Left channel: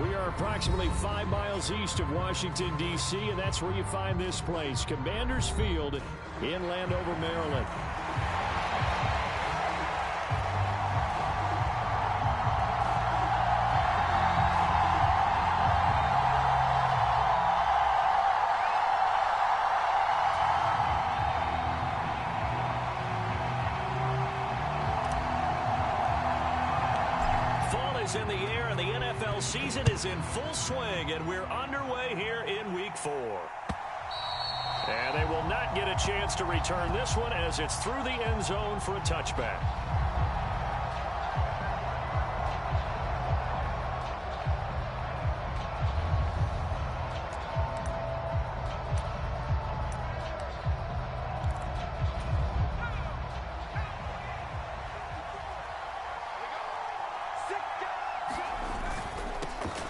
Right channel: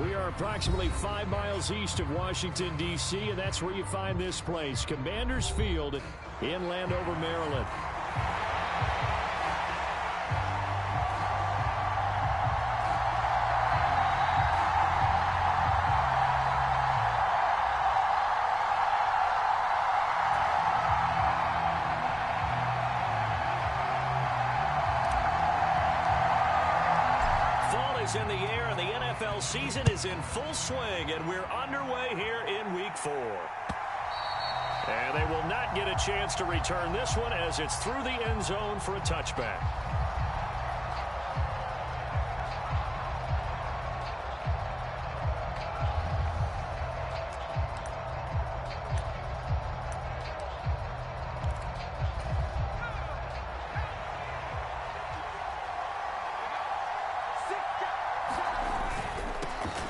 We are approximately 5 miles east of Washington, D.C., and that's where you find this place, Commanders Field in Landover, Maryland. In the air, and the NFL season is in full swing, and we're underway here in Week 4. And they will not get a chance to return this one as it's through the end zone for a touchback.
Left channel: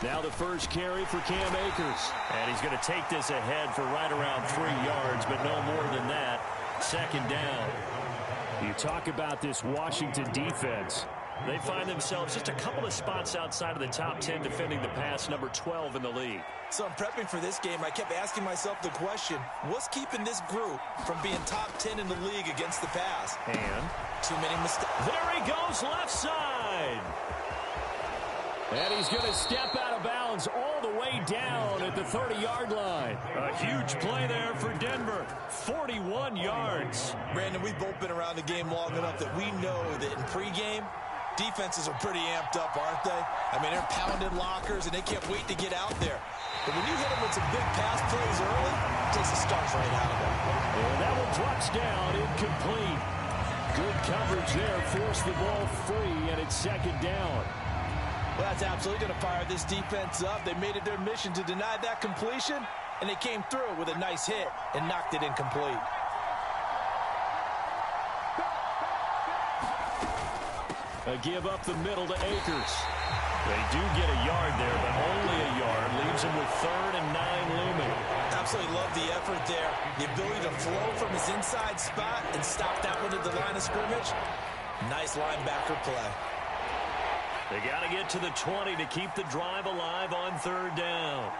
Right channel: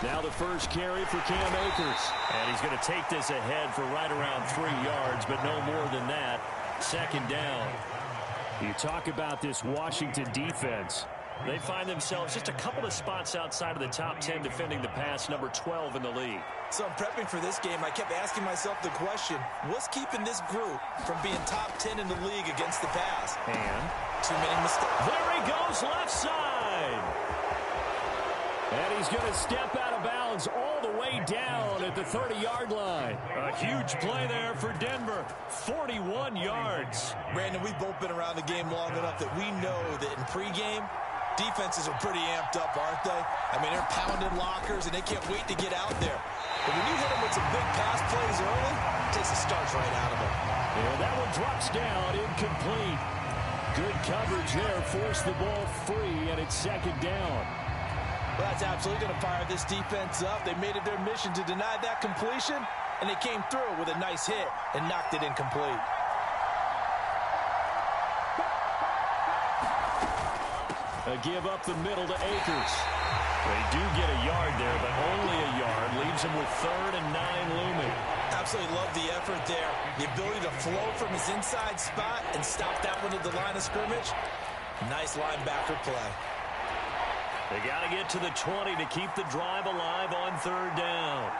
Now the first carry for Cam Akers. And he's going to take this ahead for right around 3 yards, but no more than that. Second down. You talk about this Washington defense. They find themselves just a couple of spots outside of the top 10 defending the pass, number 12 in the league. So in prepping for this game, I kept asking myself the question, what's keeping this group from being top 10 in the league against the pass? And too many mistakes. There he goes, left side. And he's going to step out of bounds all the way down at the 30-yard line. A huge play there for Denver. 41 yards. Brandon, we've both been around the game long enough that we know that in pregame, defenses are pretty amped up, aren't they? I mean, they're pounding lockers, and they can't wait to get out there. But when you hit them with some big pass plays early, it takes the starch right out of them. And that one drops down, incomplete. Good coverage there, forced the ball free, and it's second down. Well, that's absolutely going to fire this defense up. They made it their mission to deny that completion, and they came through with a nice hit and knocked it incomplete. A give up the middle to Akers. They do get a yard there, but only a yard. Leaves him with 3rd and 9 looming. Absolutely love the effort there. The ability to flow from his inside spot and stop that one at the line of scrimmage. Nice linebacker play. They got to get to the 20 to keep the drive alive on 3rd down.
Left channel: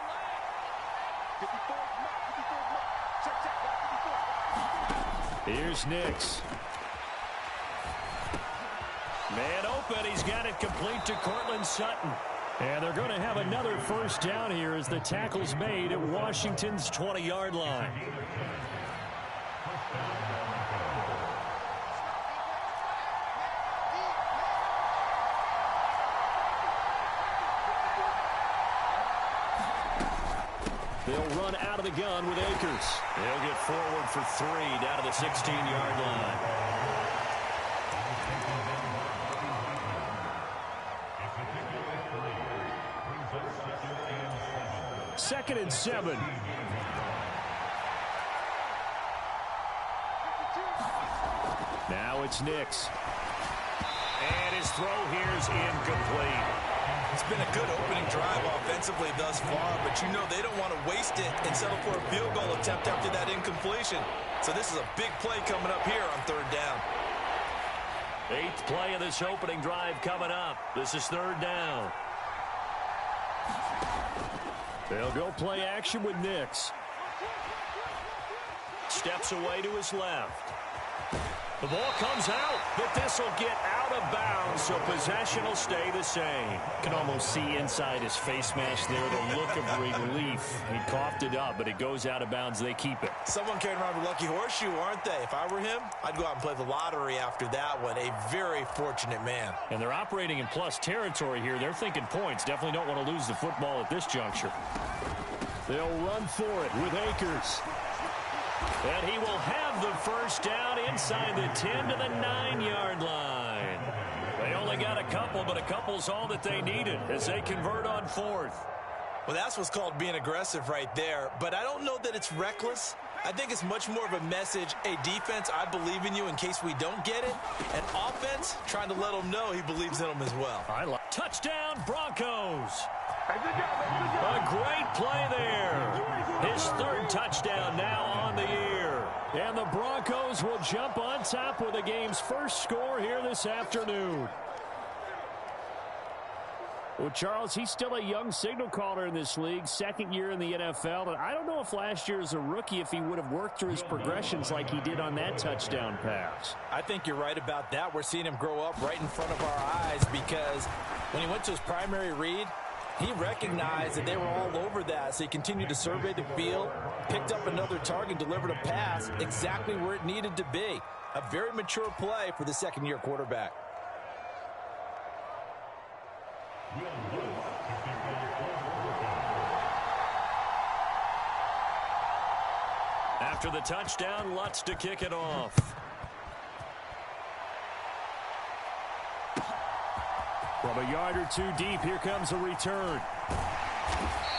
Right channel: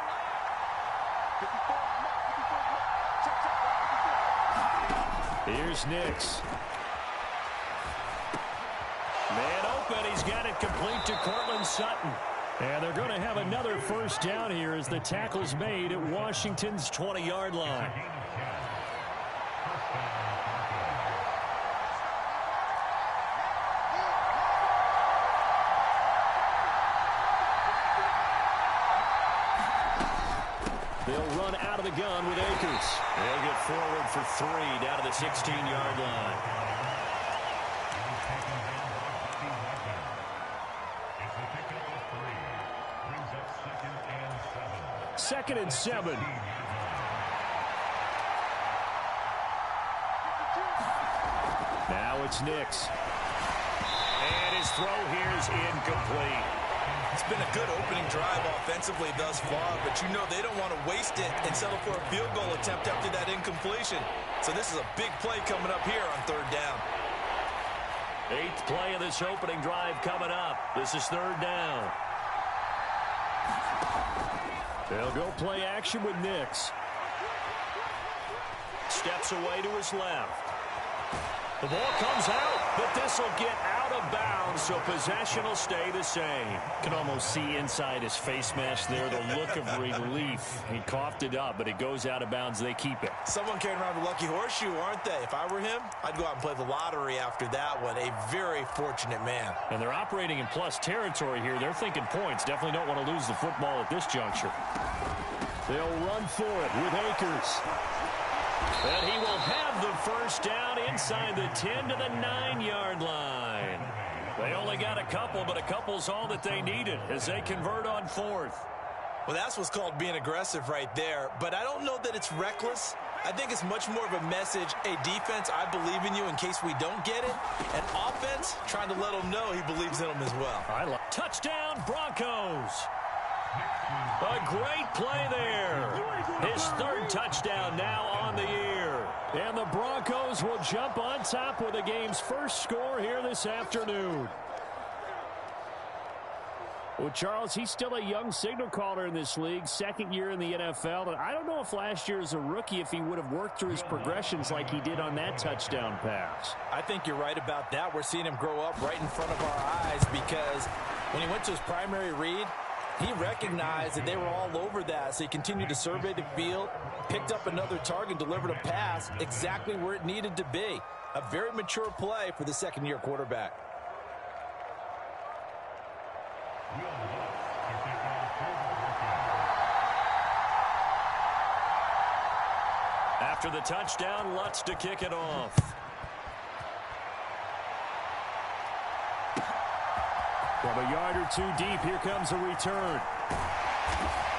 Here's Nix. Man open. He's got it complete to Courtland Sutton. And they're going to have another first down here as the tackle's made at Washington's 20-yard line. They'll run out of the gun with Akers. They'll get forward for 3 down to the 16-yard line. Second and 7. Now it's Nix. And his throw here is incomplete. It's been a good opening drive offensively thus far, but you know they don't want to waste it and settle for a field goal attempt after that incompletion. So this is a big play coming up here on 3rd down. 8th play of this opening drive coming up. This is 3rd down. They'll go play action with Nix. Steps away to his left. The ball comes out, but this will get out of bounds, so possession will stay the same. Can almost see inside his face mask there the look of relief. He coughed it up, but it goes out of bounds. They keep it. Someone carrying around a lucky horseshoe, aren't they? If I were him, I'd go out and play the lottery after that one. A very fortunate man. And they're operating in plus territory here. They're thinking points. Definitely don't want to lose the football at this juncture. They'll run for it with Akers. And he will have the first down inside the 10 to the 9-yard line. They only got a couple, but a couple's all that they needed as they convert on 4th. Well, that's what's called being aggressive right there. But I don't know that it's reckless. I think it's much more of a message. Hey, defense, I believe in you in case we don't get it. And offense, trying to let them know he believes in them as well. Touchdown, Broncos. A great play there. His 3rd touchdown now on the year. And the Broncos will jump on top with the game's first score here this afternoon. Well, Charles, he's still a young signal caller in this league, second year in the NFL. And I don't know if last year as a rookie, if he would have worked through his progressions like he did on that touchdown pass. I think you're right about that. We're seeing him grow up right in front of our eyes because when he went to his primary read, he recognized that they were all over that, so he continued to survey the field, picked up another target, delivered a pass exactly where it needed to be. A very mature play for the second-year quarterback. After the touchdown, Lutz to kick it off. From a yard or two deep, here comes a return.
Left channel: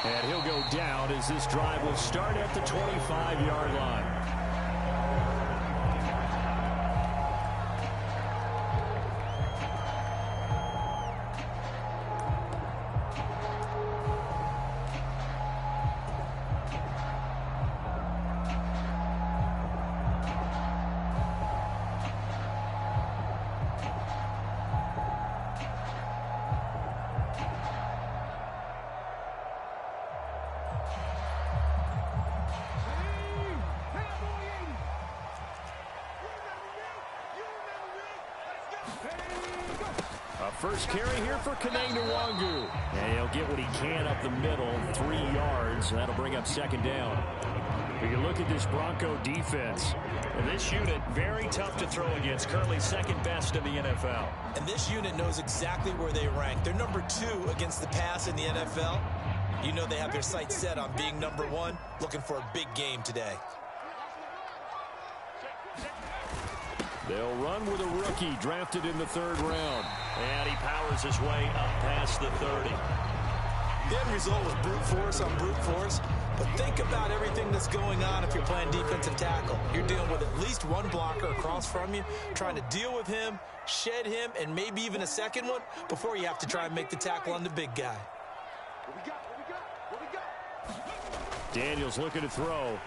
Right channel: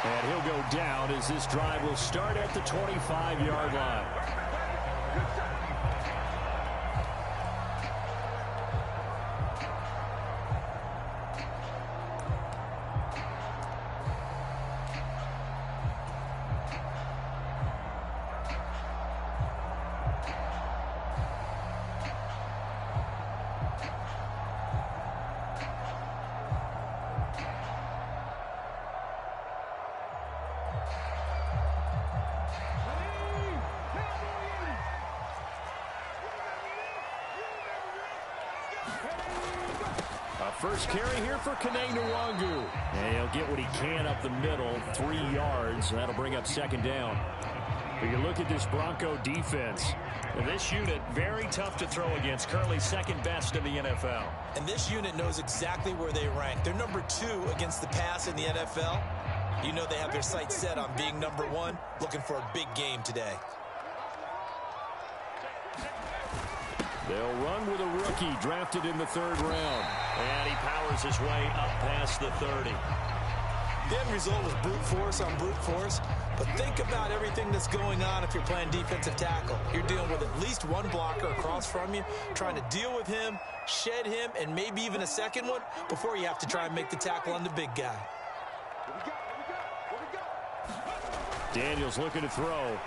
And he'll go down as this drive will start at the 25-yard line. First carry here for Kene Nwangu. And he'll get what he can up the middle, 3 yards, and that'll bring up second down. But you look at this Bronco defense. And this unit, very tough to throw against. Currently second best in the NFL. And this unit knows exactly where they rank. They're number 2 against the pass in the NFL. You know they have their sights set on being number 1, looking for a big game today. They'll run with a rookie drafted in the 3rd round. And he powers his way up past the 30. The end result was brute force on brute force. But think about everything that's going on if you're playing defensive tackle. You're dealing with at least one blocker across from you, trying to deal with him, shed him, and maybe even a second one before you have to try and make the tackle on the big guy. Daniels looking to throw.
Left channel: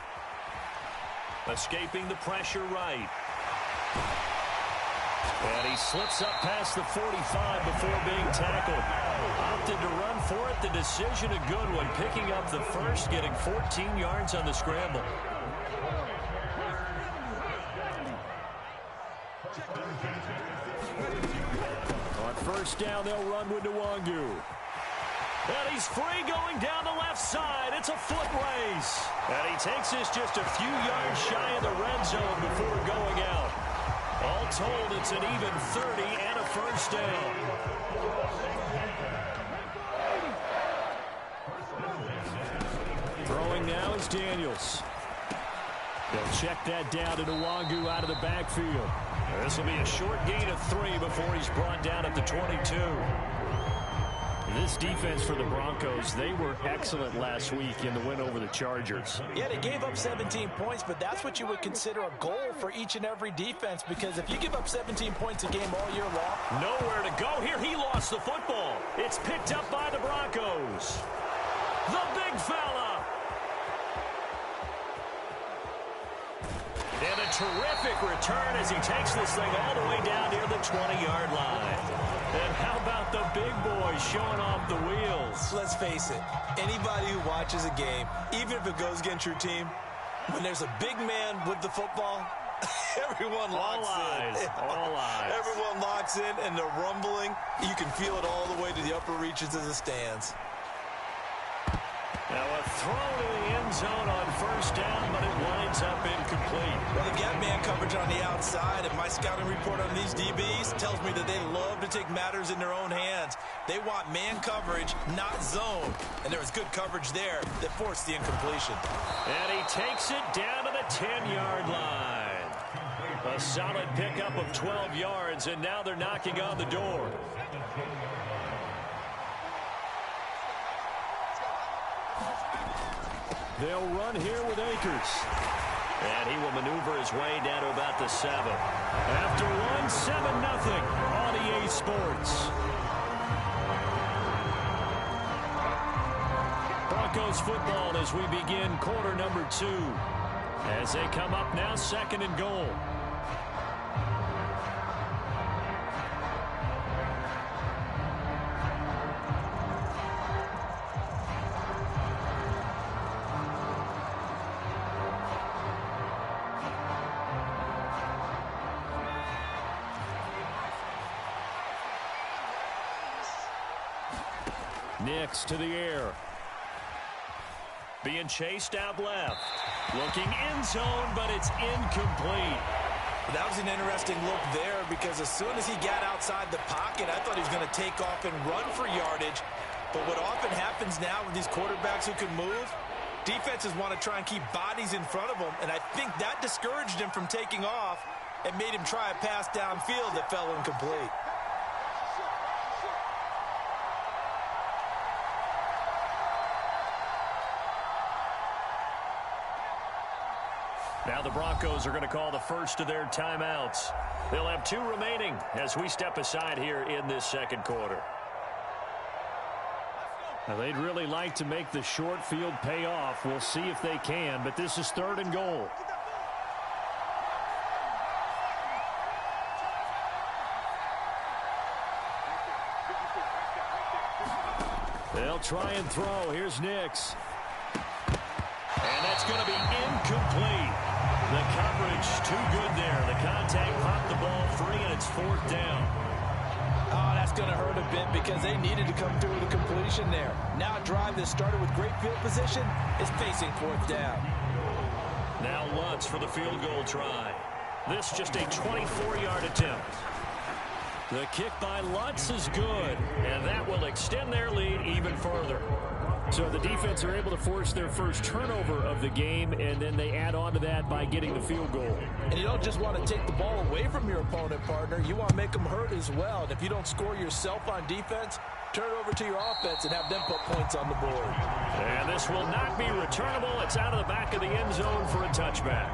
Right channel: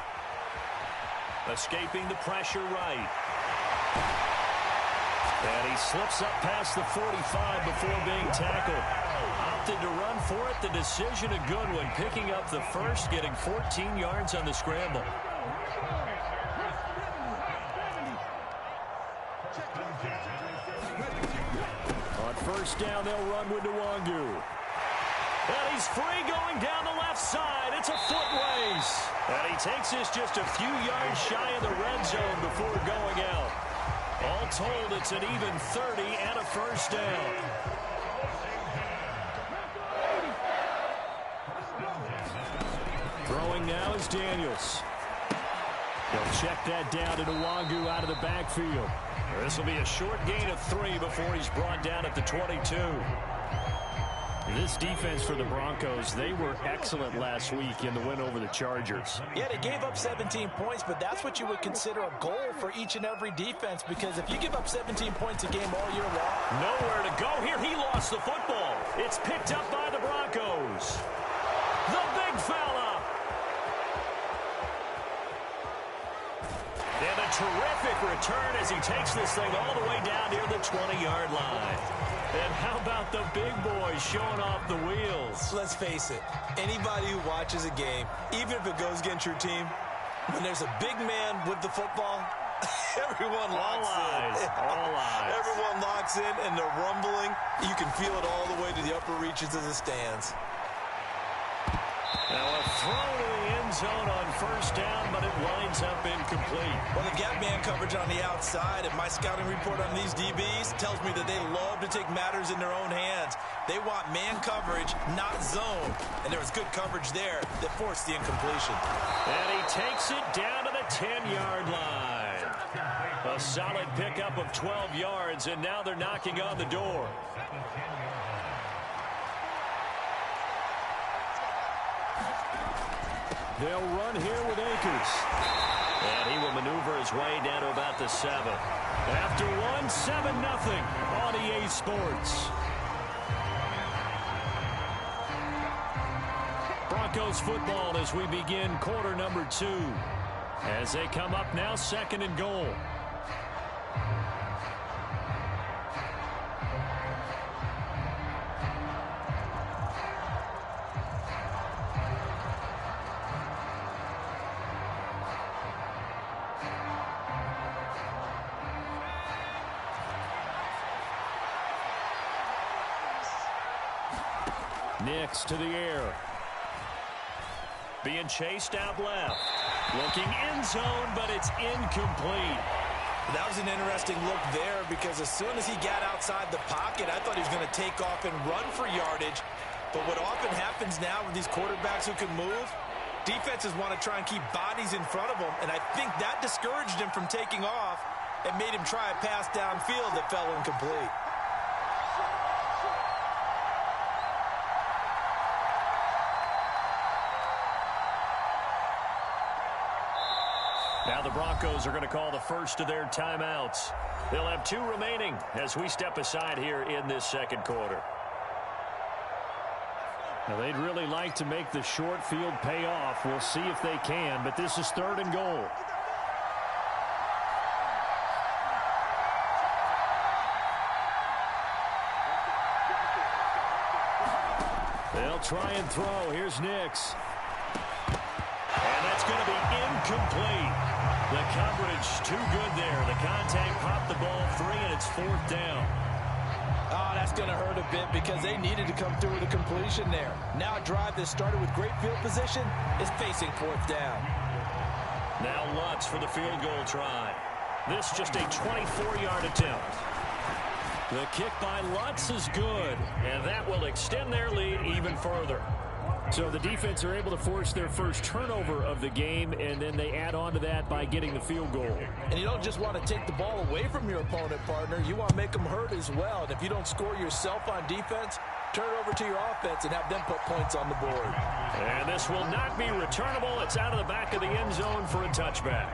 Escaping the pressure right. And he slips up past the 45 before being tackled. Opted to run for it. The decision a good one. Picking up the first, getting 14 yards on the scramble. On first down, they'll run with Nwangu. And he's free going down the left side. It's a foot race. And he takes this just a few yards shy of the red zone before going out. All told, it's an even 30 and a first down. Throwing now is Daniels. He'll check that down to Nwangu out of the backfield. This will be a short gain of 3 before he's brought down at the 22. This defense for the Broncos, they were excellent last week in the win over the Chargers. Yeah, they gave up 17 points, but that's what you would consider a goal for each and every defense, because if you give up 17 points a game all year long... Nowhere to go here. He lost the football. It's picked up by the Broncos. The big fella. And a terrific return as he takes this thing all the way down near the 20-yard line. And how about the big boys showing off the wheels? Let's face it, anybody who watches a game, even if it goes against your team, when there's a big man with the football, everyone locks in. All eyes. Everyone locks in, and they're rumbling. You can feel it all the way to the upper reaches of the stands. Now a throw to the end zone on first down, but it winds up incomplete. Well, they've got man coverage on the outside, and my scouting report on these DBs tells me that they love to take matters in their own hands. They want man coverage, not zone. And there was good coverage there that forced the incompletion. And he takes it down to the 10-yard line. A solid pickup of 12 yards, and now they're knocking on the door. They'll run here with Akers. And he will maneuver his way down to about the 7. After one, 7-0 on EA Sports. Broncos football as we begin quarter number 2. As they come up now, 2nd and goal. Nix to the air. Being chased out left. Looking end zone, but it's incomplete. That was an interesting look there because as soon as he got outside the pocket, I thought he was going to take off and run for yardage. But what often happens now with these quarterbacks who can move, defenses want to try and keep bodies in front of them, and I think that discouraged him from taking off and made him try a pass downfield that fell incomplete. Now the Broncos are going to call the first of their timeouts. They'll have 2 remaining as we step aside here in this second quarter. Now they'd really like to make the short field pay off. We'll see if they can, but this is 3rd and goal. They'll try and throw. Here's Nix. And that's going to be incomplete. The coverage too good there. The contact popped the ball free, and it's 4th down. Oh, that's going to hurt a bit because they needed to come through with a completion there. Now a drive that started with great field position is facing 4th down. Now Lutz for the field goal try. This just a 24-yard attempt. The kick by Lutz is good, and that will extend their lead even further. So the defense are able to force their first turnover of the game, and then they add on to that by getting the field goal. And you don't just want to take the ball away from your opponent, partner. You want to make them hurt as well. And if you don't score yourself on defense, turn it over to your offense and have them put points on the board. And this will not be returnable. It's out of the back of the end zone for a touchback.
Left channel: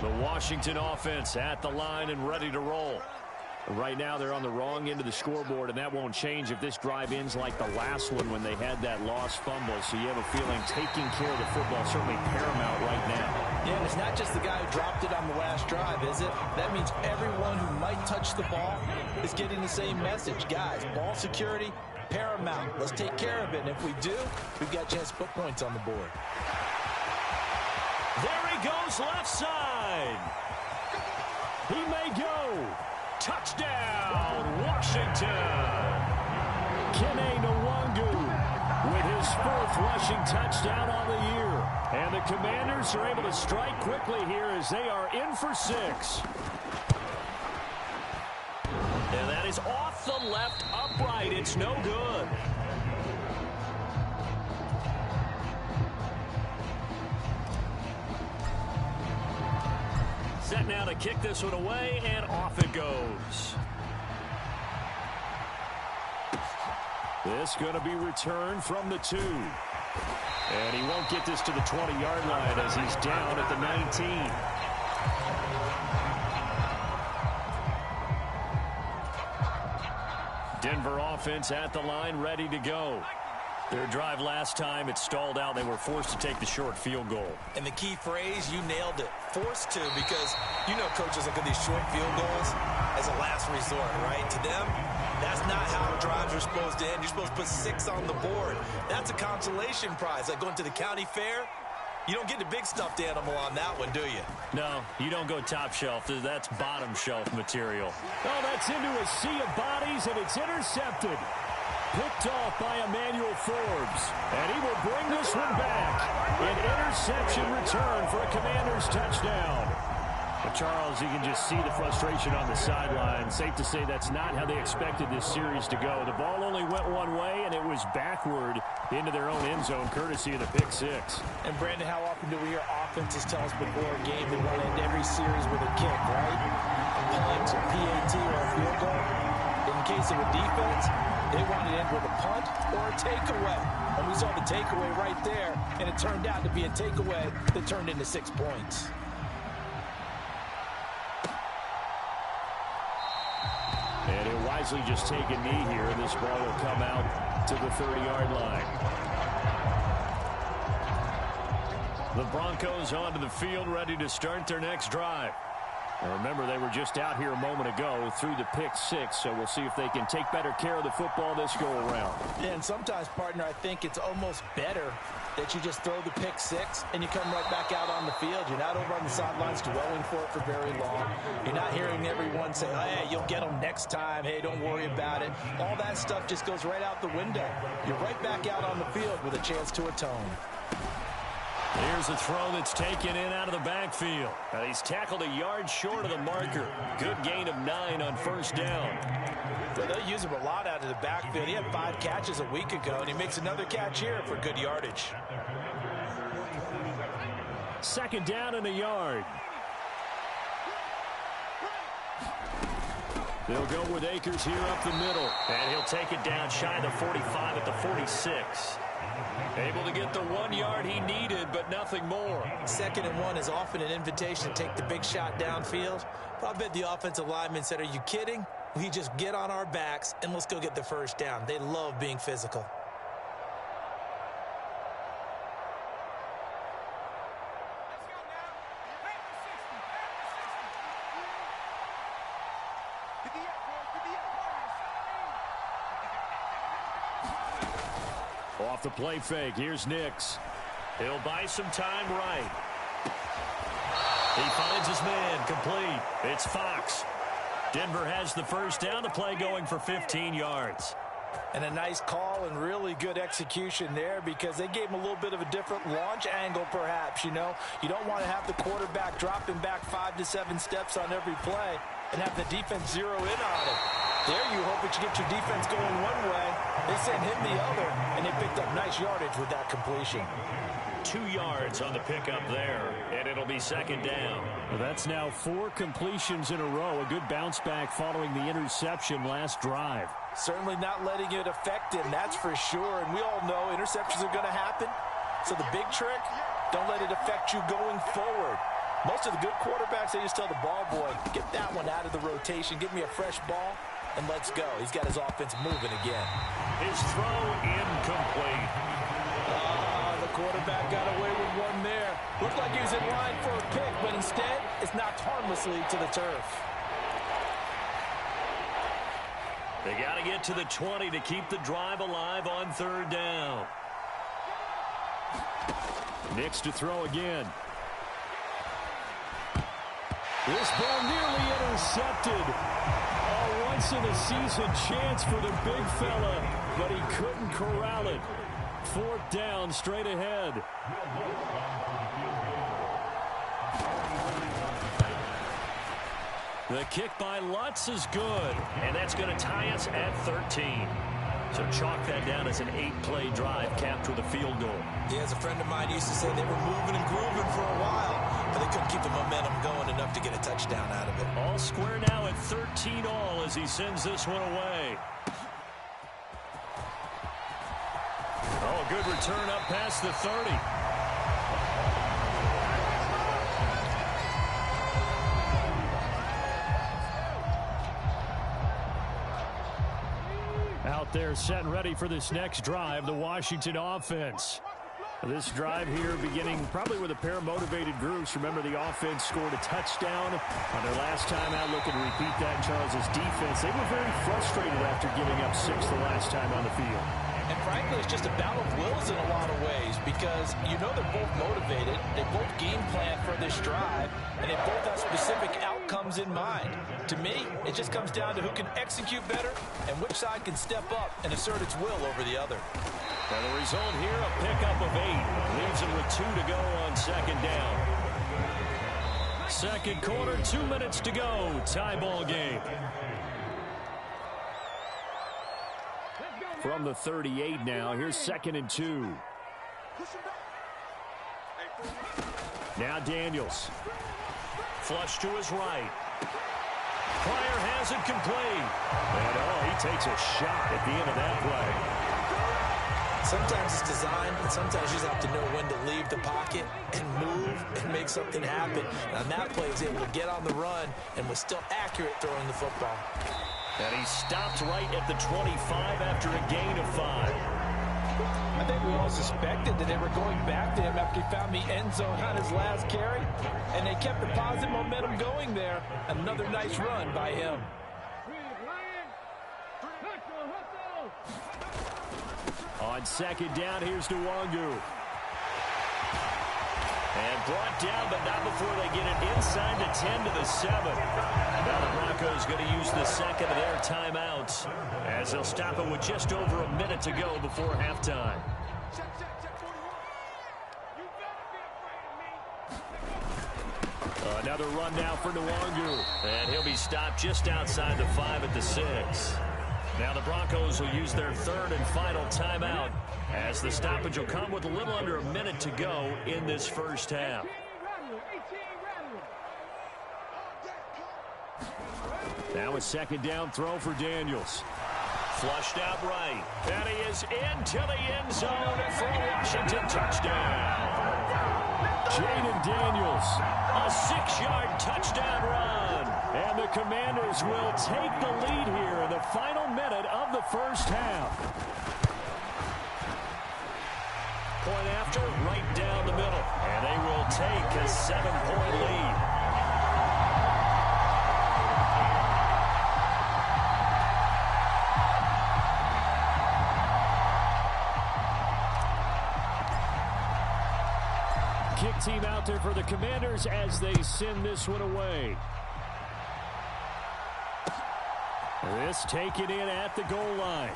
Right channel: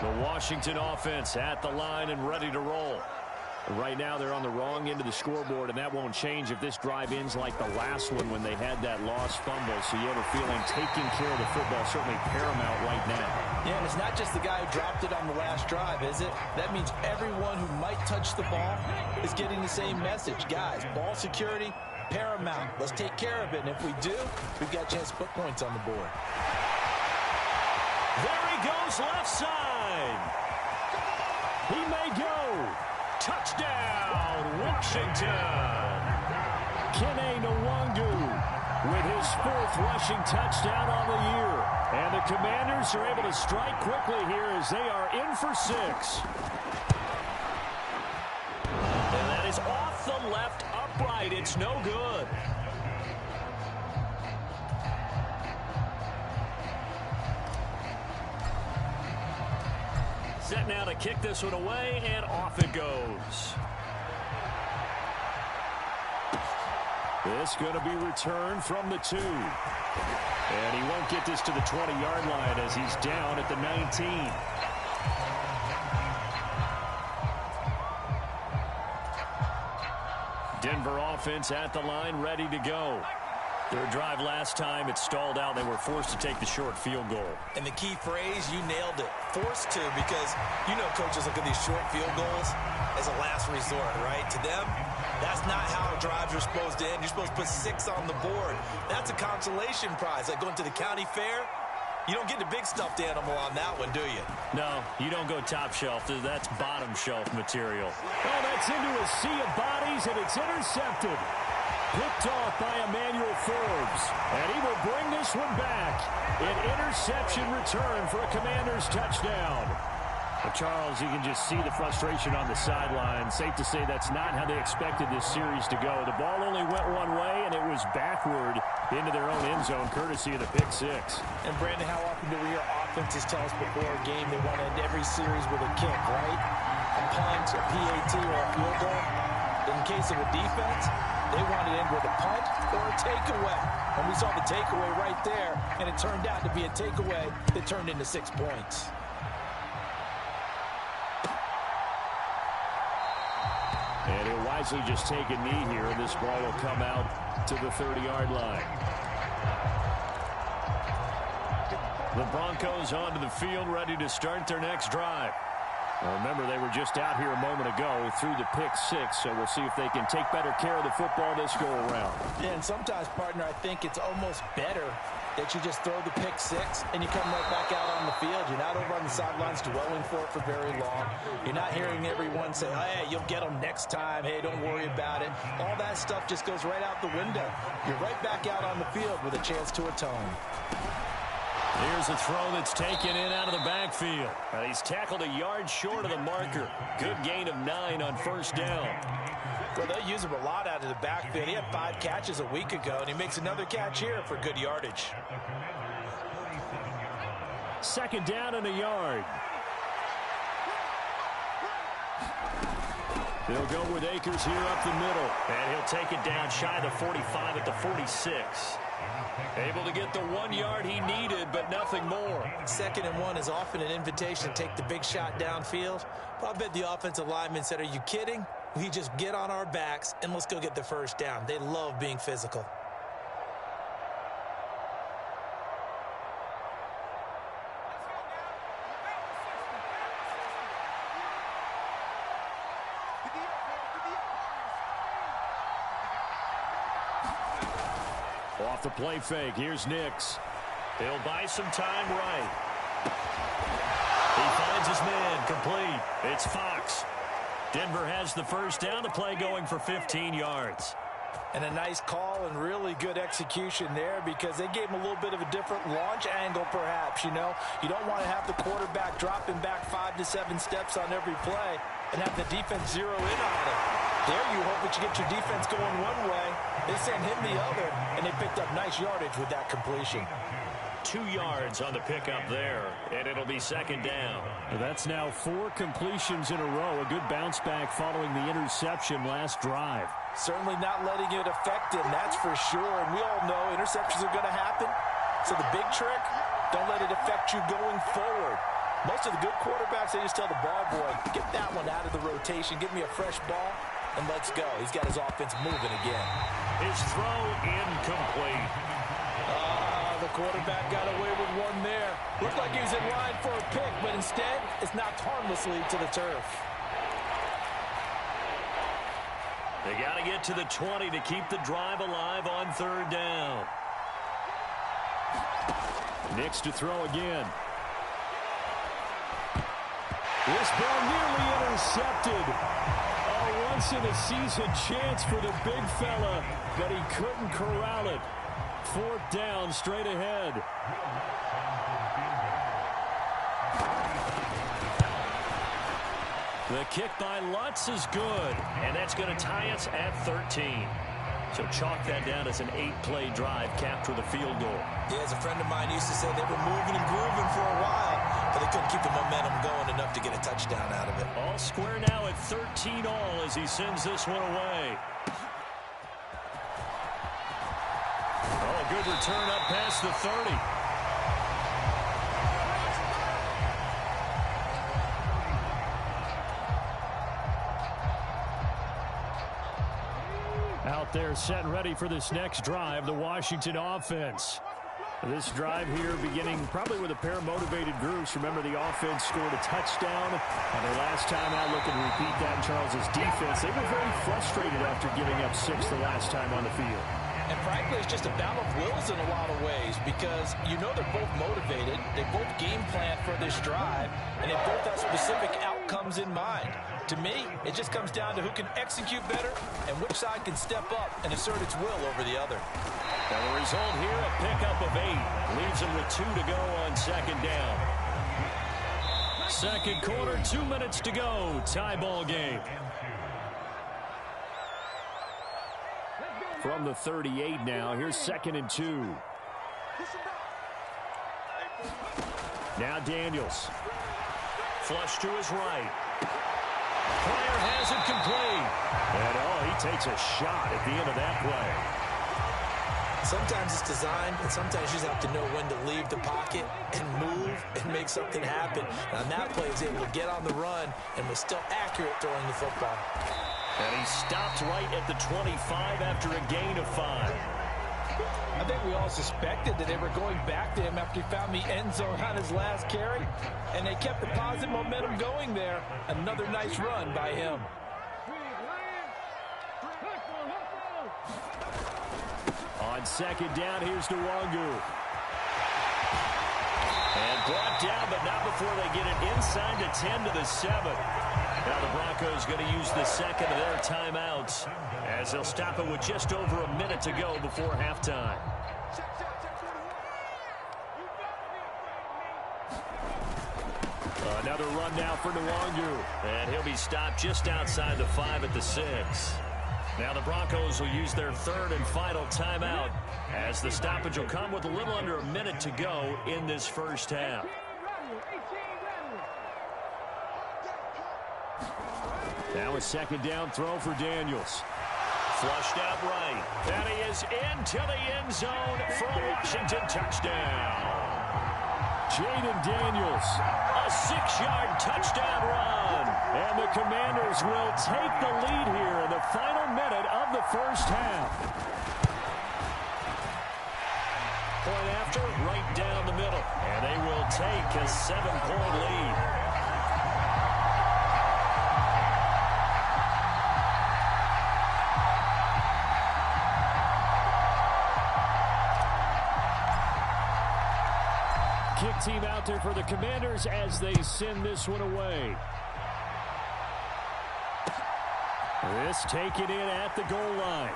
The Washington offense at the line and ready to roll. Right now they're on the wrong end of the scoreboard, and that won't change if this drive ends like the last one when they had that lost fumble. So you have a feeling taking care of the football is certainly paramount right now. Yeah, and it's not just the guy who dropped it on the last drive, is it? That means everyone who might touch the ball is getting the same message. Guys, ball security, paramount. Let's take care of it, and if we do, we've got a chance to put points on the board. There he goes left side. He may go. Touchdown, Washington. Kene Nwangu with his 4th rushing touchdown on the year. And the Commanders are able to strike quickly here as they are in for 6. And that is off the left upright. It's no good. Set now to kick this one away, and off it goes. This going to be returned from the 2. And he won't get this to the 20-yard line as he's down at the 19. Denver offense at the line, ready to go. Their drive last time, it stalled out. They were forced to take the short field goal. And the key phrase, you nailed it. Forced to, because you know coaches look at these short field goals as a last resort, right? To them, that's not how drives are supposed to end. You're supposed to put 6 on the board. That's a consolation prize. Like going to the county fair, you don't get the big stuffed animal on that one, do you? No, you don't go top shelf. That's bottom shelf material. Oh, that's into a sea of bodies, and it's intercepted. Picked off by Emmanuel Forbes. And he will bring this one back. An interception return for a Commanders touchdown. But Charles, you can just see the frustration on the sideline. Safe to say that's not how they expected this series to go. The ball only went one way, and it was backward into their own end zone, courtesy of the pick 6. And, Brandon, how often do we hear offenses tell us before a game they want to end every series with a kick, right? A punt, a PAT, or a field goal. In case of a defense, they wanted to end with a punt or a takeaway. And we saw the takeaway right there, and it turned out to be a takeaway that turned into 6 points. And he'll wisely just take a knee here, and this ball will come out to the 30-yard line. The Broncos onto the field, ready to start their next drive. Remember, they were just out here a moment ago through the pick six, so we'll see if they can take better care of the football this go-around. Yeah, and sometimes, partner, I think it's almost better that you just throw the pick six and you come right back out on the field. You're not over on the sidelines dwelling for it for very long. You're not hearing everyone say, oh, hey, you'll get them next time. Hey, don't worry about it. All that stuff just goes right out the window. You're right back out on the field with a chance to atone. Here's a throw that's taken in out of the backfield. And he's tackled a yard short of the marker. Good gain of 9 on first down. Well, they use him a lot out of the backfield. He had 5 catches a week ago, and he makes another catch here for good yardage. Second down and a yard. They'll go with Akers here up the middle. And he'll take it down shy of the 45 at the 46. Able to get the 1 yard he needed, but nothing more. 2nd and 1 is often an invitation to take the big shot downfield. But I bet the offensive lineman said, are you kidding? We just get on our backs and let's go get the first down. They love being physical. Off the play fake, here's Nix. He'll buy some time right. He finds his man, complete. It's Fox. Denver has the first down, the play going for 15 yards. And a nice call and really good execution there because they gave him a little bit of a different launch angle perhaps, you know. You don't want to have the quarterback dropping back 5 to 7 steps on every play and have the defense zero in on it. There you hope that you get your defense going one way. They send him the other, and they picked up nice yardage with that completion. 2 yards on the pickup there, and it'll be second down. That's now 4 completions in a row. A good bounce back following the interception last drive. Certainly not letting it affect him, that's for sure. And we all know interceptions are going to happen. So the big trick, don't let it affect you going forward. Most of the good quarterbacks, they just tell the ball boy, get that one out of the rotation, give me a fresh ball, and let's go. He's got his offense moving again. His throw incomplete. The quarterback got away with one there. Looked like he was in line for a pick, but instead, it's knocked harmlessly to the turf. They got to get to the 20 to keep the drive alive on 3rd down. Nix to throw again. This ball nearly intercepted. A once-in-a-season chance for the big fella, but he couldn't corral it. 4th down, straight ahead. The kick by Lutz is good, and that's going to tie us at 13. So chalk that down as an 8-play drive capped with a field goal. Yeah, as a friend of mine used to say, they were moving and grooving for a while, but they couldn't keep the momentum going enough to get a touchdown out of it. All square now at 13-all as he sends this one away. Oh, good return up past the 30. Out there set and ready for this next drive, the Washington offense. This drive here beginning probably with a pair of motivated groups. Remember, the offense scored a touchdown on their last time out. Looking to repeat that in Charles's defense. They were very frustrated after giving up 6 the last time on the field. And frankly, it's just a battle of wills in a lot of ways because you know they're both motivated. They both game plan for this drive, and they both have specific outcomes in mind. To me, it just comes down to who can execute better and which side can step up and assert its will over the other. And the result here, a pickup of 8. Leaves them with 2 to go on 2nd down. Second quarter, 2 minutes to go. Tie ball game. From the 38 now, here's 2nd and 2. Now Daniels. Flush to his right. Pryor has it complete. And, he takes a shot at the end of that play. Sometimes it's designed, and sometimes you just have to know when to leave the pocket and move and make something happen. And on that play, he was able to get on the run and was still accurate throwing the football. And he stopped right at the 25 after a gain of 5. I think we all suspected that they were going back to him after he found the end zone on his last carry, and they kept the positive momentum going there. Another nice run by him. On second down, here's Nwangu. And brought down, but not before they get it inside the 10 to the 7. Now the Broncos going to use the second of their timeouts as they'll stop it with just over a minute to go before halftime. Another run now for Nwangu. And he'll be stopped just outside the 5 at the 6. Now the Broncos will use their third and final timeout as the stoppage will come with a little under a minute to go in this first half. Now a second down throw for Daniels. Flushed out right. And he is into the end zone for a Washington touchdown. Jaden Daniels, a 6-yard touchdown run. And the Commanders will take the lead here in the final minute of the first half. Point after, right down the middle. And they will take a 7-point lead. Kick team out there for the Commanders as they send this one away. This taken in at the goal line.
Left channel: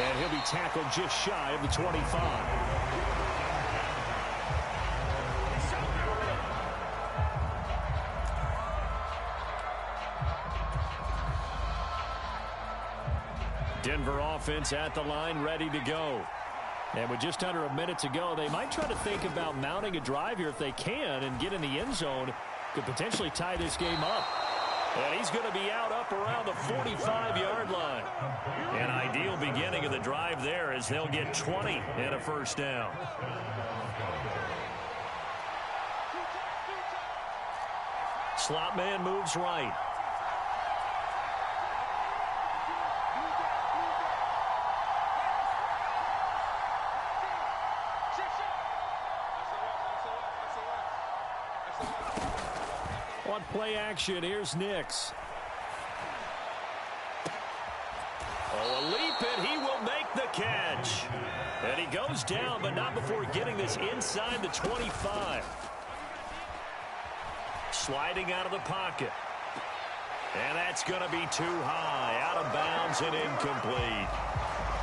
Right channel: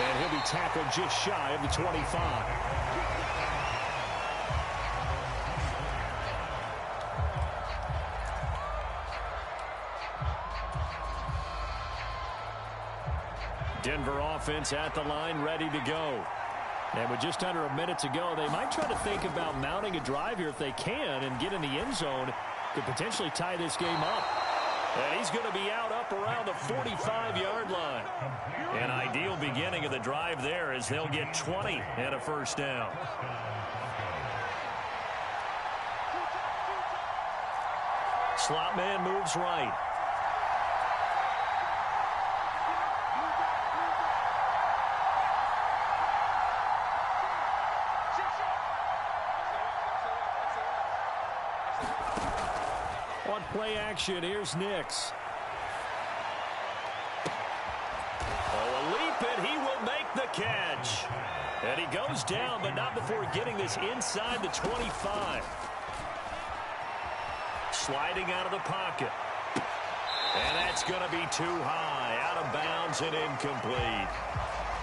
And he'll be tackled just shy of the 25. Denver offense at the line, ready to go. And with just under a minute to go, they might try to think about mounting a drive here if they can and get in the end zone. Could potentially tie this game up. And he's going to be out up around the 45-yard line. An ideal beginning of the drive there as they'll get 20 and a first down. Slot man moves right. On play action, here's Nix. Oh, a leap, and he will make the catch. And he goes down, but not before getting this inside the 25. Sliding out of the pocket. And that's going to be too high. Out of bounds and incomplete.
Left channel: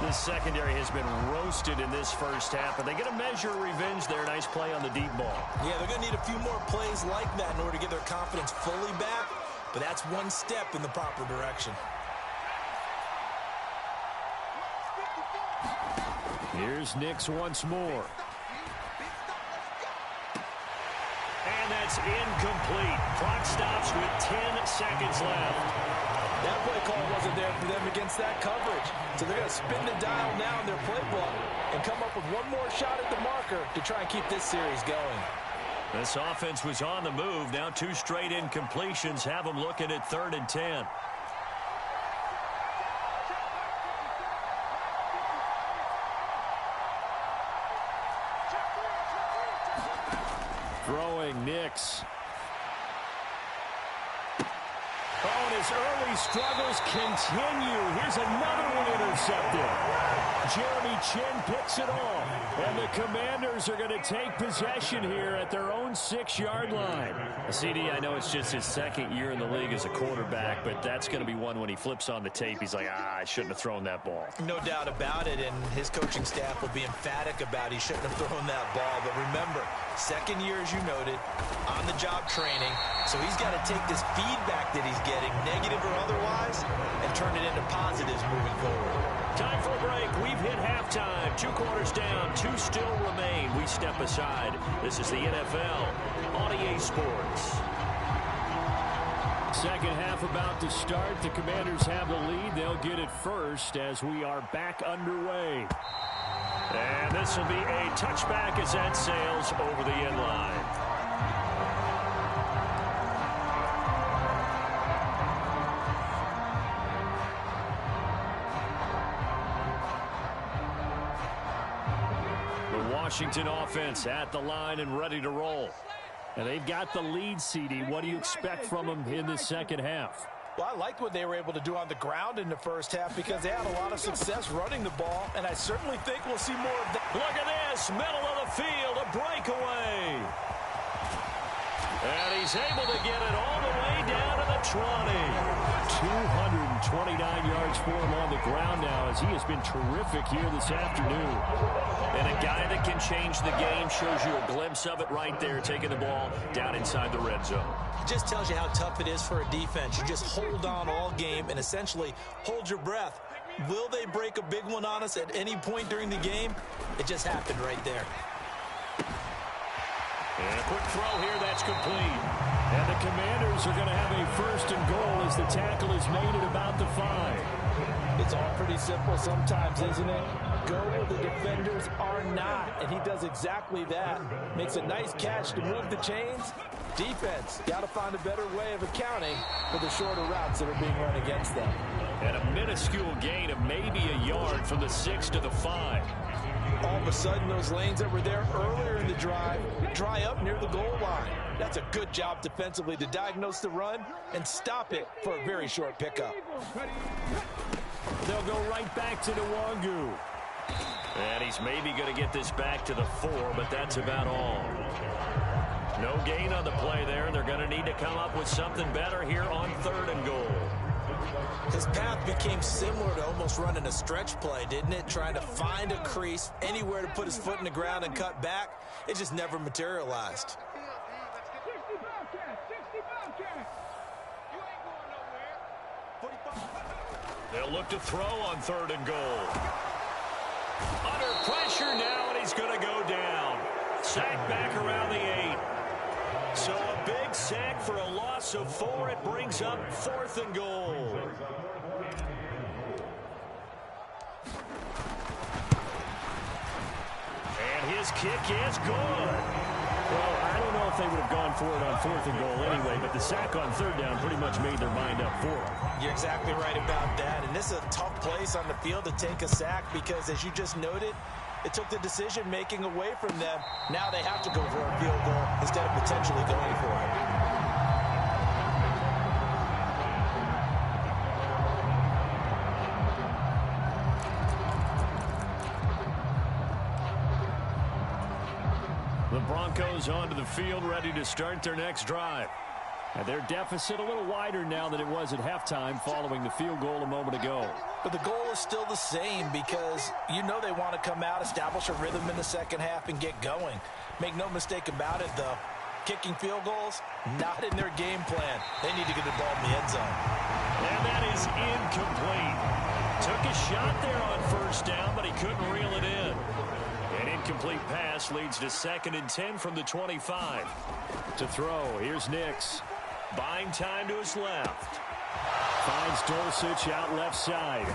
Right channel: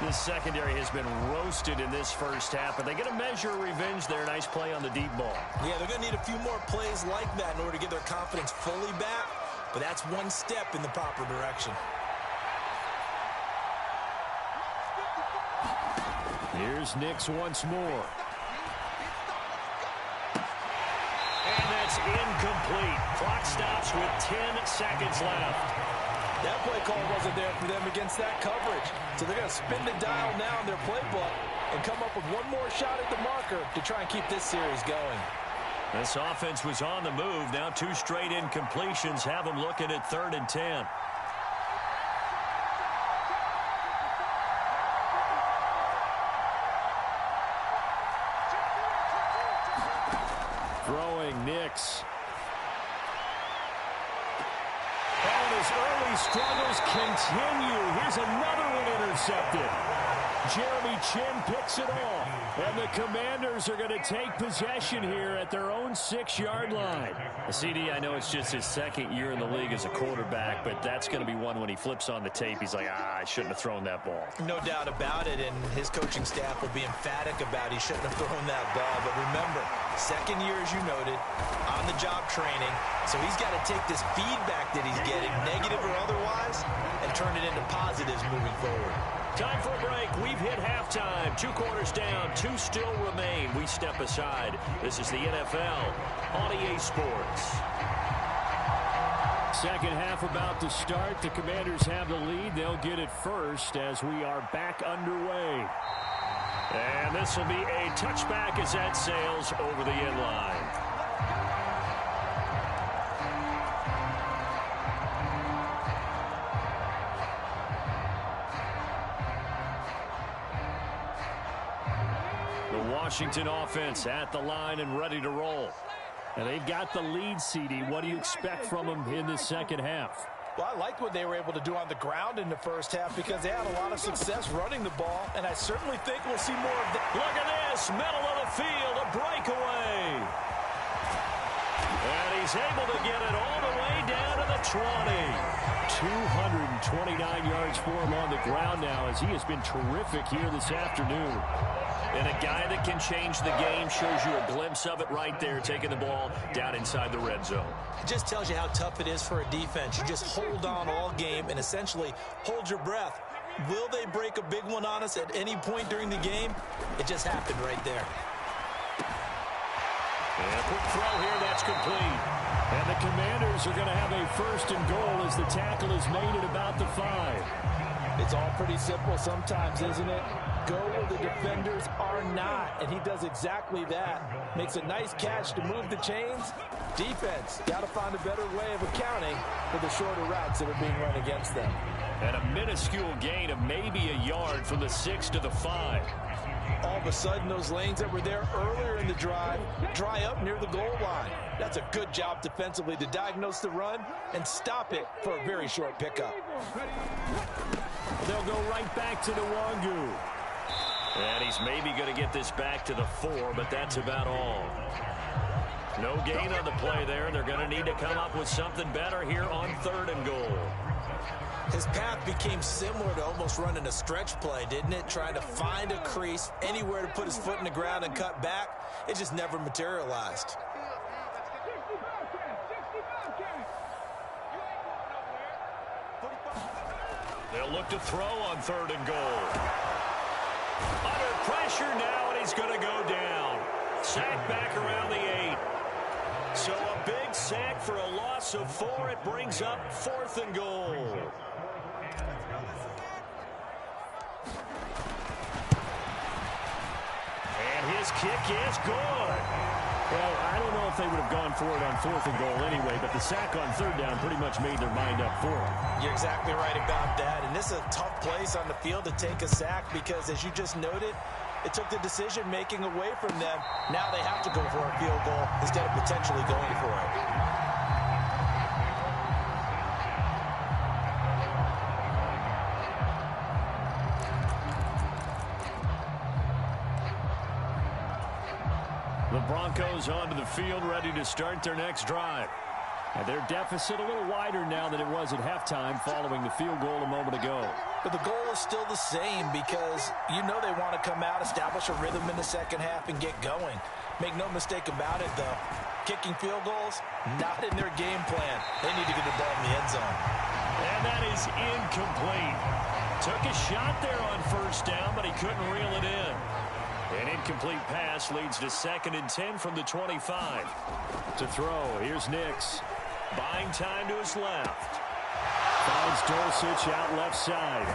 This secondary has been roasted in this first half, but they get a measure of revenge there. Nice play on the deep ball. Yeah, they're going to need a few more plays like that in order to get their confidence fully back, but that's one step in the proper direction. Here's Nix once more. And that's incomplete. Clock stops with 10 seconds left. That play call wasn't there for them against that coverage. So they're going to spin the dial now in their playbook and come up with one more shot at the marker to try and keep this series going. This offense was on the move. Now 2 straight incompletions have them looking at 3rd and 10. Throwing Nix. Oh, and his early struggles continue. Here's another one intercepted. Jeremy Chinn picks it off. And the Commanders are going to take possession here at their own 6-yard line. CD, I know it's just his second year in the league as a quarterback, but that's going to be one when he flips on the tape. He's like, I shouldn't have thrown that ball. No doubt about it, and his coaching staff will be emphatic about he shouldn't have thrown that ball. But remember, second year, as you noted, on-the-job training. So he's got to take this feedback that he's getting, negative or otherwise, and turn it into positives moving forward. Time for a break. We've hit halftime. 2 quarters down. 2 still remain. We step aside. This is the NFL on EA Sports. Second half about to start. The Commanders have the lead. They'll get it first as we are back underway. And this will be a touchback as that sails over the end line. Washington offense at the line and ready to roll. And they've got the lead, CD. What do you expect from them in the second half? Well, I liked what they were able to do on the ground in the first half because they had a lot of success running the ball, and I certainly think we'll see more of that. Look at this, middle of the field, a breakaway. And he's able to get it all the way down to the 20. 229 yards for him on the ground now as he has been terrific here this afternoon. And a guy that can change the game, shows you a glimpse of it right there, taking the ball down inside the red zone. It just tells you how tough it is for a defense. You just hold on all game and essentially hold your breath. Will they break a big one on us at any point during the game? It just happened right there. And a quick throw here, that's complete. And the Commanders are going to have a first and goal as the tackle is made at about the 5. It's all pretty simple sometimes, isn't it? Go where the defenders are not, and he does exactly that. Makes a nice catch to move the chains. Defense, got to find a better way of accounting for the shorter routes that are being run against them. And a minuscule gain of maybe a yard from the 6 to the 5. All of a sudden, those lanes that were there earlier in the drive dry up near the goal line. That's a good job defensively to diagnose the run and stop it for a very short pickup. They'll go right back to Nwangu. And he's maybe going to get this back to the 4, but that's about all. No gain on the play there, and they're going to need to come up with something better here on 3rd and goal. His path became similar to almost running a stretch play, didn't it? Trying to find a crease, anywhere to put his foot in the ground and cut back. It just never materialized. They'll look to throw on 3rd and goal. Under pressure now, and he's going to go down. Sack back around the 8. So a big sack for a loss of 4. It brings up 4th and goal. And his kick is good. Well, I don't know if they would have gone for it on 4th and goal anyway, but the sack on 3rd down pretty much made their mind up for them. You're exactly right about that, and this is a tough place on the field to take a sack because, as you just noted, it took the decision-making away from them. Now they have to go for a field goal instead of potentially going for it. The Broncos onto the field, ready to start their next drive. And their deficit a little wider now than it was at halftime following the field goal a moment ago. But the goal is still the same because you know they want to come out, establish a rhythm in the second half, and get going. Make no mistake about it, though. Kicking field goals, not in their game plan. They need to get the ball in the end zone. And that is incomplete. Took a shot there on 1st down, but he couldn't reel it in. An incomplete pass leads to 2nd and 10 from the 25. To throw, here's Nix. Buying time to his left. Finds Dulcich out left side.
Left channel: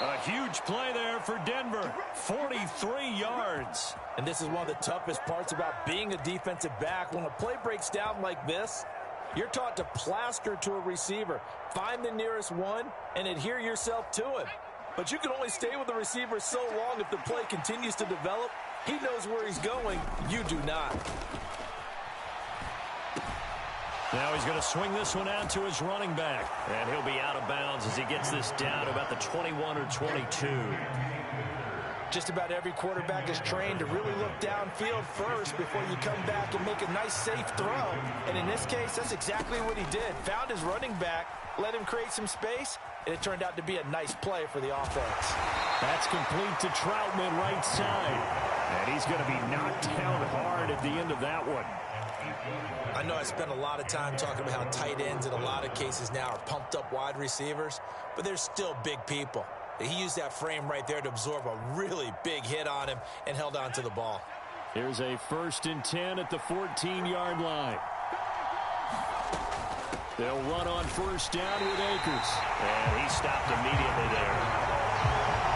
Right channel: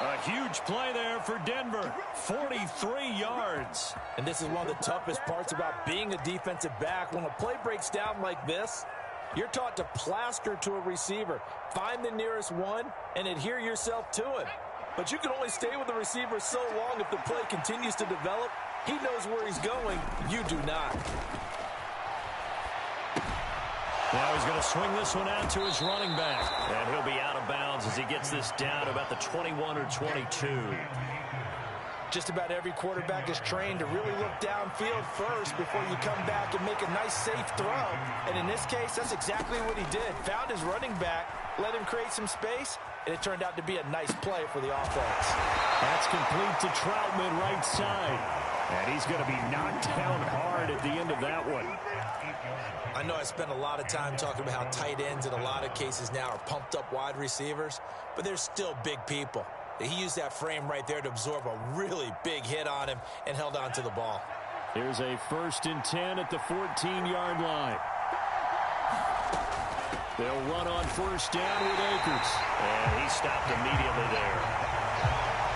A huge play there for Denver. 43 yards. And this is one of the toughest parts about being a defensive back. When a play breaks down like this, you're taught to plaster to a receiver. Find the nearest one and adhere yourself to it. But you can only stay with the receiver so long if the play continues to develop. He knows where he's going. You do not. Now he's going to swing this one out to his running back. And he'll be out of bounds as he gets this down to about the 21 or 22. Just about every quarterback is trained to really look downfield first before you come back and make a nice, safe throw. And in this case, that's exactly what he did. Found his running back, let him create some space, and it turned out to be a nice play for the offense. That's complete to Troutman right side. And he's going to be knocked down hard at the end of that one. I know I spent a lot of time talking about how tight ends in a lot of cases now are pumped up wide receivers, but they're still big people. He used that frame right there to absorb a really big hit on him and held on to the ball. Here's a 1st and 10 at the 14-yard line. They'll run on 1st down with Akers. And he stopped immediately there.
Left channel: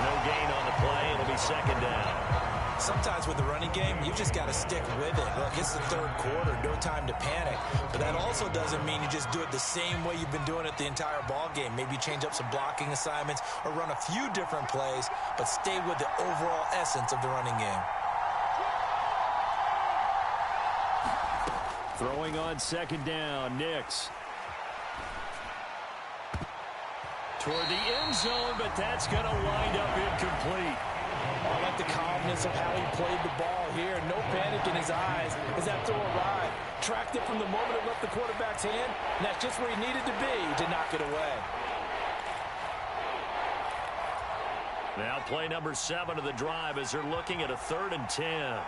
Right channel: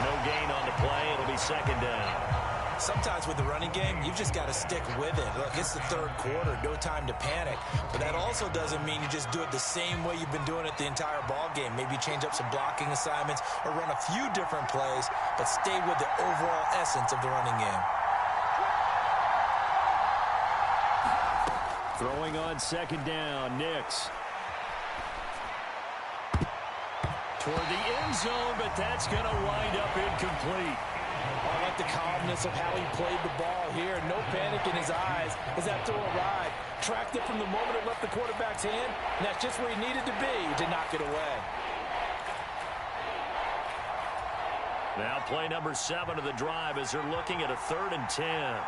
No gain on the play. It'll be 2nd down. Sometimes with the running game, you've just got to stick with it. Look, it's the third quarter, no time to panic. But that also doesn't mean you just do it the same way you've been doing it the entire ball game. Maybe change up some blocking assignments or run a few different plays, but stay with the overall essence of the running game. Throwing on second down, Nix. Toward the end zone, but that's going to wind up incomplete. I like the calmness of how he played the ball here. No panic in his eyes as that throw arrived. Tracked it from the moment it left the quarterback's hand, and that's just where he needed to be to knock it away. Now play number 7 of the drive as they're looking at a 3rd and 10.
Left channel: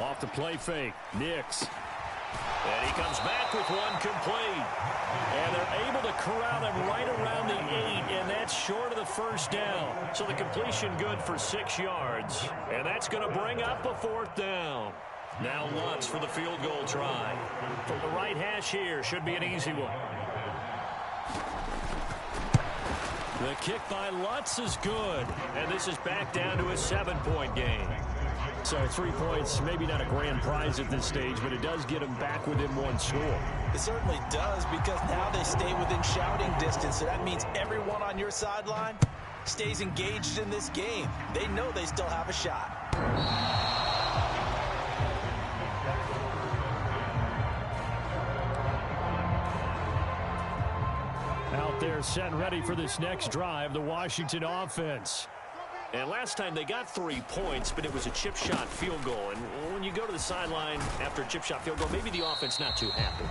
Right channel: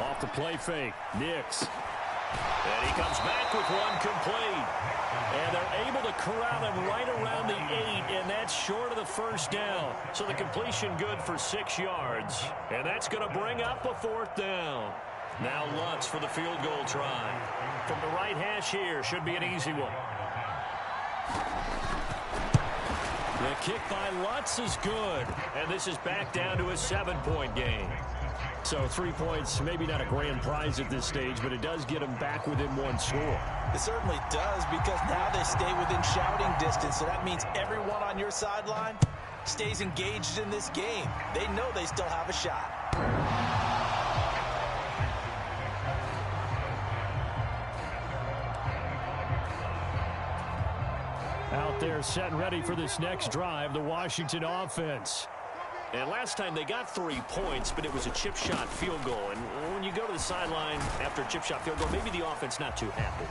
Off the play fake, Nix. And he comes back with one complete. And they're able to corral him right around the 8, and that's short of the first down. So the completion good for 6 yards. And that's going to bring up a 4th down. Now Lutz for the field goal try. From the right hash here, should be an easy one. The kick by Lutz is good. And this is back down to a 7-point game. So 3 points, maybe not a grand prize at this stage, but it does get them back within one score. It certainly does, because now they stay within shouting distance, so that means everyone on your sideline stays engaged in this game. They know they still have a shot. Out there set and ready for this next drive, the Washington offense. And last time they got 3 points, but it was a chip shot field goal. And when you go to the sideline after a chip shot field goal, maybe the offense not too happy.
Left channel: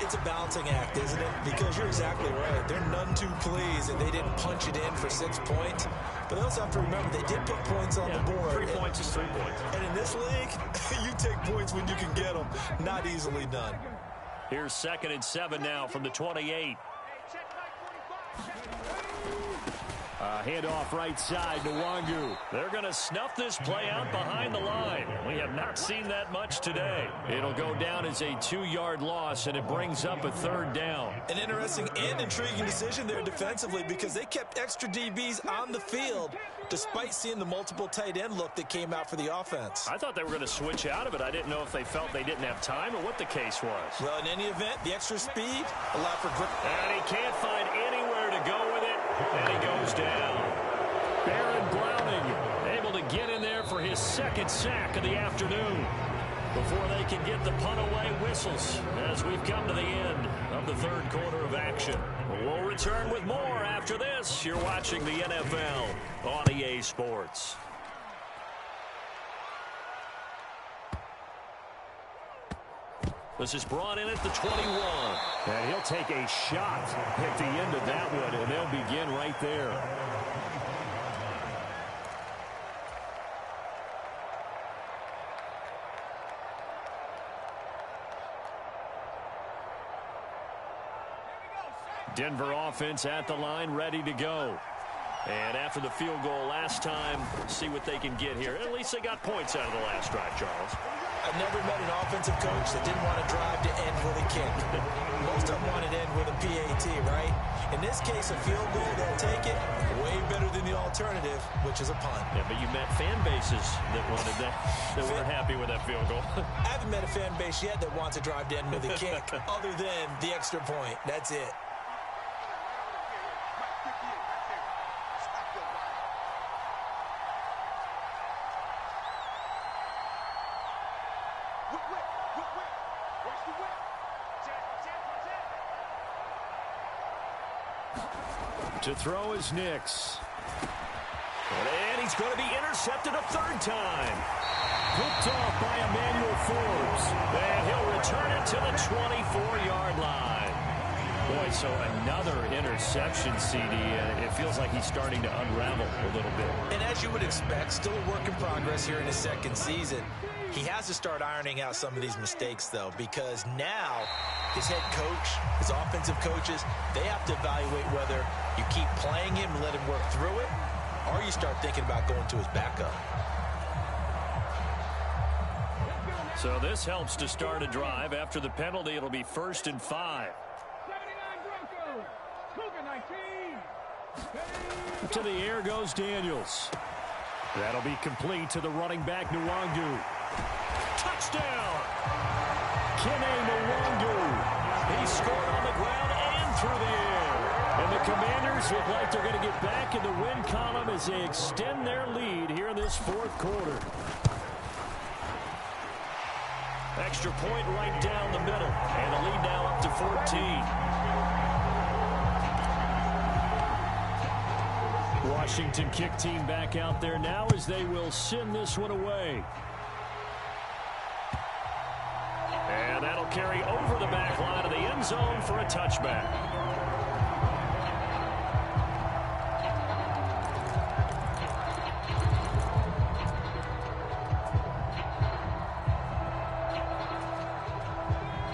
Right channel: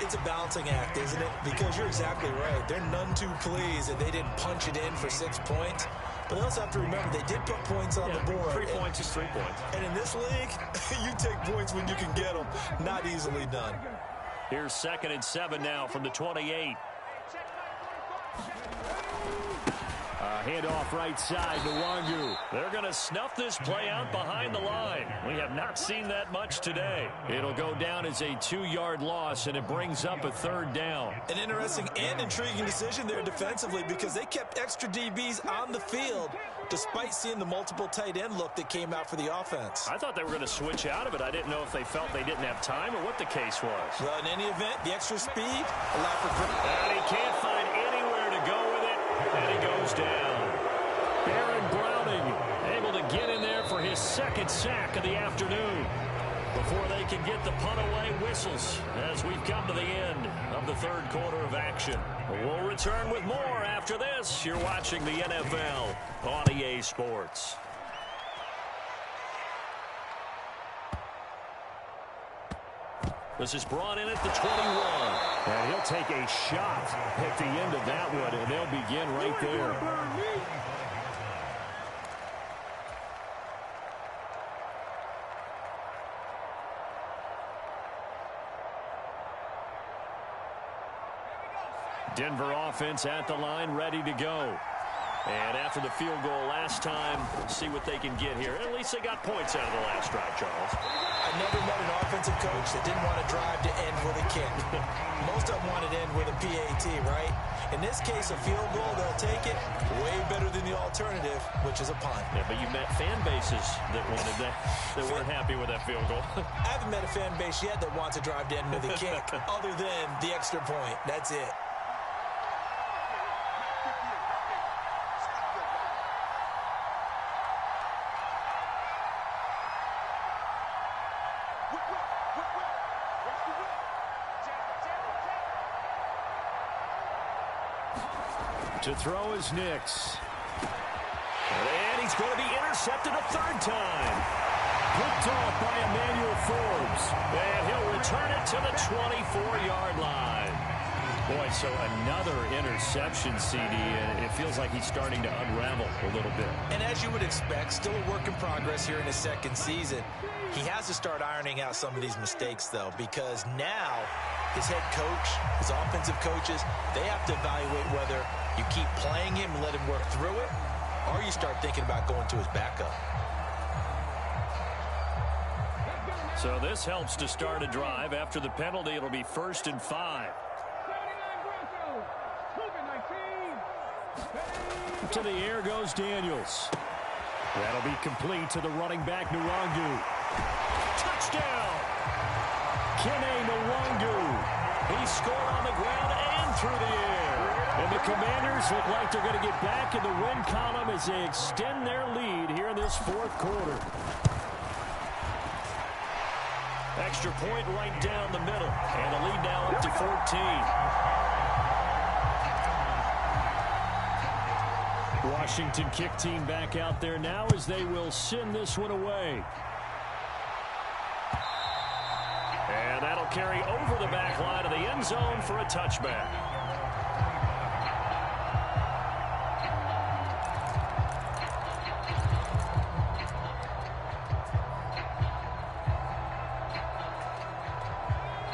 It's a balancing act, isn't it? Because you're exactly right. They're none too pleased that they didn't punch it in for 6 points. But they also have to remember they did put points on the board. 3 points is 3 points. And in this league, you take points when you can get them. Not easily done. Here's 2nd and 7 now from the 28. Handoff right side to Wangu. They're going to snuff this play out behind the line. We have not seen that much today. It'll go down as a 2-yard loss, and it brings up a 3rd down. An interesting and intriguing decision there defensively, because they kept extra DBs on the field despite seeing the multiple tight end look that came out for the offense. I thought they were going to switch out of it. I didn't know if they felt they didn't have time or what the case was. Well, in any event, the extra speed allowed for grip. And he can't find anywhere to go with it, and he goes down. Baron Browning able to get in there for his 2nd sack of the afternoon. Before they can get the punt away, whistles as we've come to the end of the 3rd quarter of action. We'll return with more after this. You're watching the NFL on EA Sports. This is brought in at the 21. And he'll take a shot at the end of that one, and they'll begin right there. Denver offense at the line, ready to go. And after the field goal last time, see what they can get here. At least they got points out of the last drive, Charles. I've never met an offensive coach that didn't want to drive to end with a kick. Most of them want to end with a PAT, right? In this case, a field goal, they'll take it. Way better than the alternative, which is a punt. Yeah, but you met fan bases that wanted that, that weren't happy with that field goal. I haven't met a fan base yet that wants to drive to end with a kick, other than the extra point. That's it. To throw is Nix. And he's going to be intercepted a 3rd time. Picked off by Emmanuel Forbes. And he'll return it to the 24-yard line. Boy, so another interception, CD, and it feels like he's starting to unravel a little bit. And as you would expect, still a work in progress here in his 2nd season. He has to start ironing out some of these mistakes, though, because now his head coach, his offensive coaches, they have to evaluate whether you keep playing him and let him work through it, or you start thinking about going to his backup. So this helps to start a drive. After the penalty, it'll be 1st and 5. To the air goes Daniels. That'll be complete to the running back, Nwangu. Touchdown! Kene Nwangu. He scored on the ground and through the air. And the Commanders look like they're going to get back in the win column as they extend their lead here in this fourth quarter. Extra point right down the middle. And the lead now up to 14. Washington kick team back out there now as they will send this one away. And that'll carry over the back line of the end zone for a touchback.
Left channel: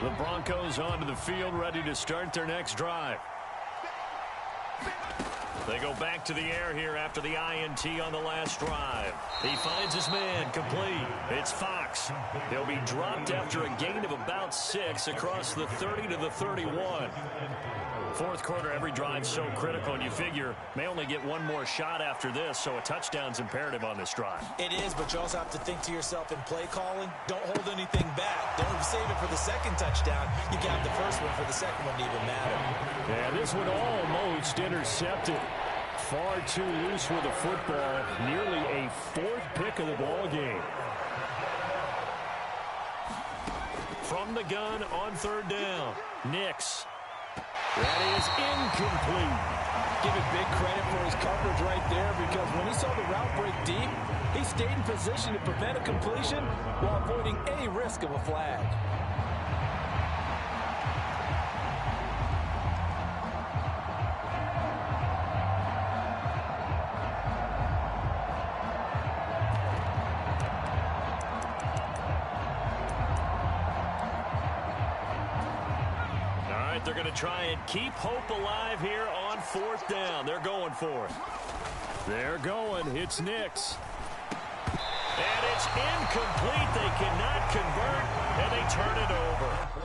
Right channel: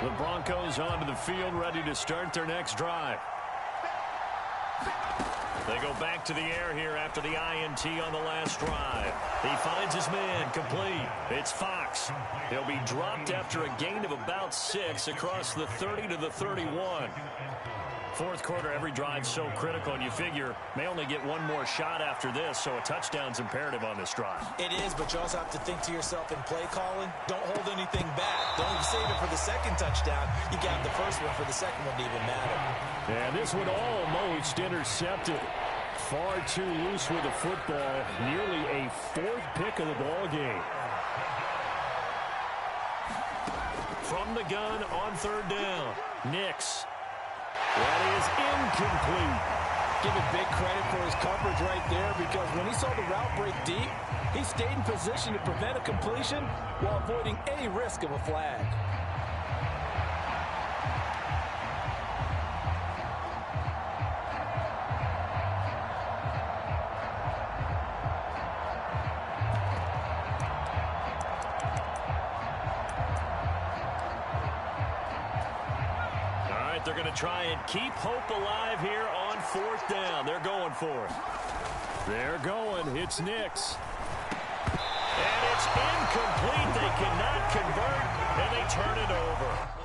The Broncos onto the field, ready to start their next drive. They go back to the air here after the INT on the last drive. He finds his man, complete. It's Fox. He'll be dropped after a gain of about 6 across the 30 to the 31. Fourth quarter, every drive's so critical, and you figure may only get one more shot after this, so a touchdown's imperative on this drive. It is, but you also have to think to yourself in play calling, don't hold anything back. Don't save it for the second touchdown. You got the first one for the second one to even matter. And this one almost intercepted. Far too loose with the football. Nearly a 4th pick of the ball game. From the gun on 3rd down. Nix. That is incomplete. Give it big credit for his coverage right there, because when he saw the route break deep, he stayed in position to prevent a completion while avoiding any risk of a flag. They're going to try and keep hope alive here on 4th down. They're going for it. They're going. It's Nix. And it's incomplete. They cannot convert, and they turn it over.